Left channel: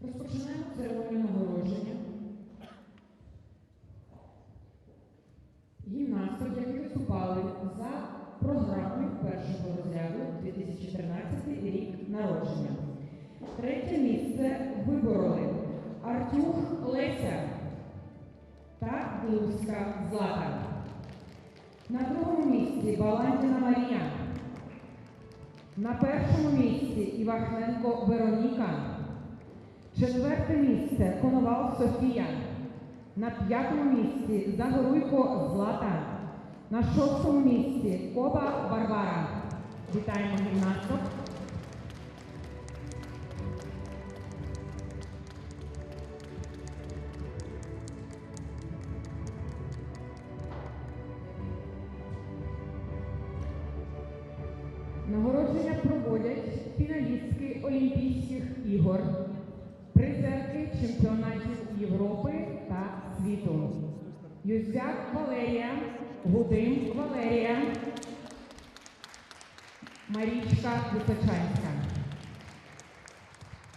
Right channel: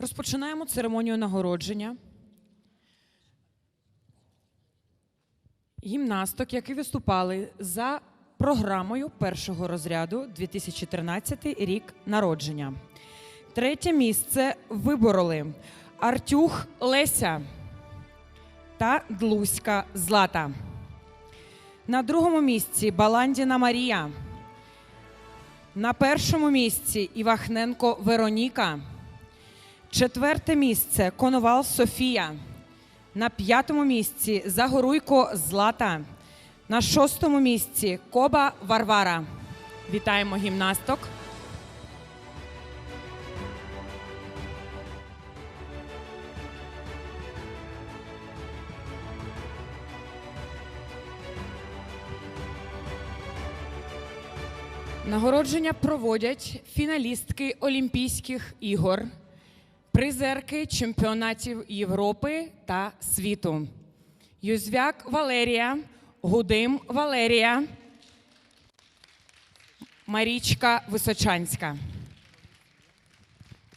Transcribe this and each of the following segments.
Розпочинаємо церемонію нагородження. Гімнасток, які виступали за програмою першого розряду 2013 рік народження. Третє місце вибороли Артюх Леся та Длуська Злата. На другому місці Баландіна Марія. На першому місці Івахненко Вероніка. Четверте місце Коновал Софія. На п'ятому місці Загоруйко Злата. На шостому місці Коба Варвара. Вітаємо гімнасток. Нагородження проводять фіналістки Олімпійських ігор, призерки чемпіонатів Європи та світу. Юзвяк Валерія, Гудим Валерія, Марічка Височанська.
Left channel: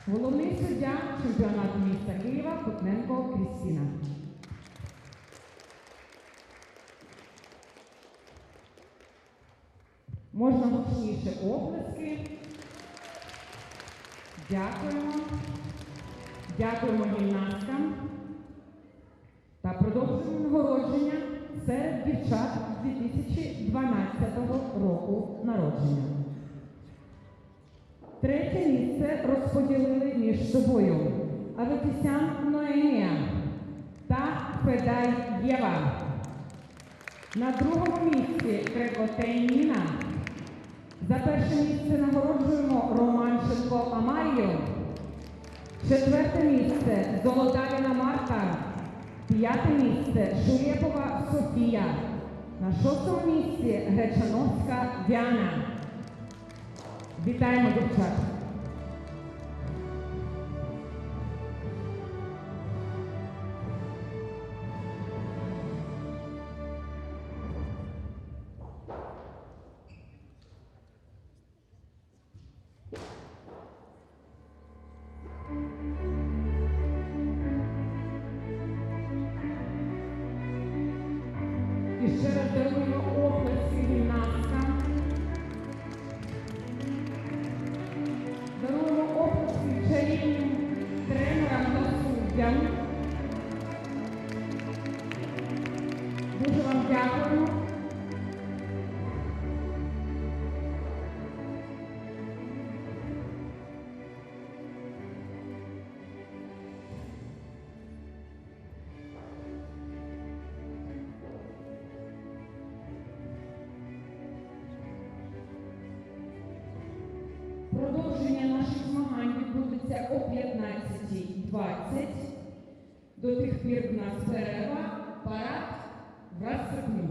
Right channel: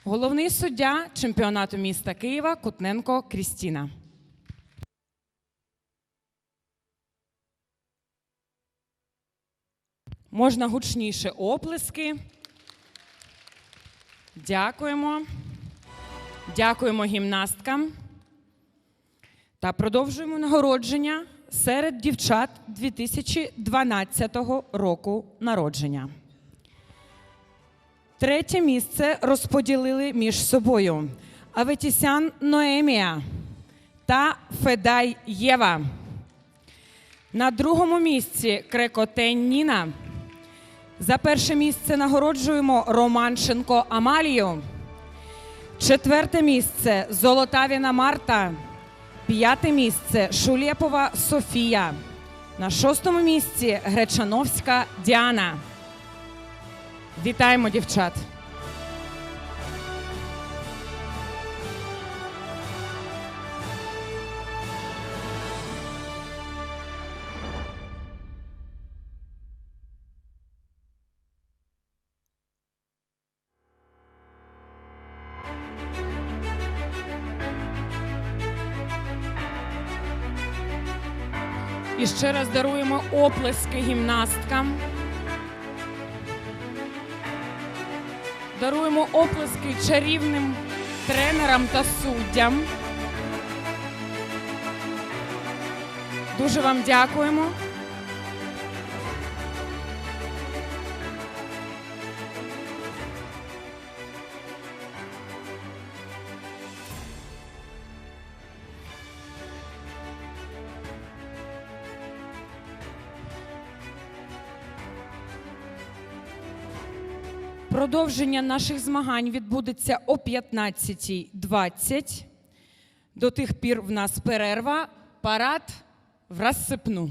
Головний суддя чемпіонату міста Києва Кутненко Крістіна. Можна гучніше оплески. Дякуємо. Дякуємо гімнасткам. Та продовжуємо нагородження серед дівчат 2012 року народження. Третє місце розподілили між собою Аветісян Ноемія та Федай Єва. На другому місці Крекотень Ніна. За перше місце нагороджуємо Романченко Амалію. Четверте місце Золотавіна Марта. П'яте місце Шулєпова Софія. На шостому місці Гречановська Діана. Вітаємо дівчат! І ще раз даруємо оплески гімнасткам. Даруємо оплески чарівним тренерам та суддям. Дуже вам дякуємо. Продовження наших змагань відбудеться о 15.20. До тих пір в нас перерва, парад в розсипну.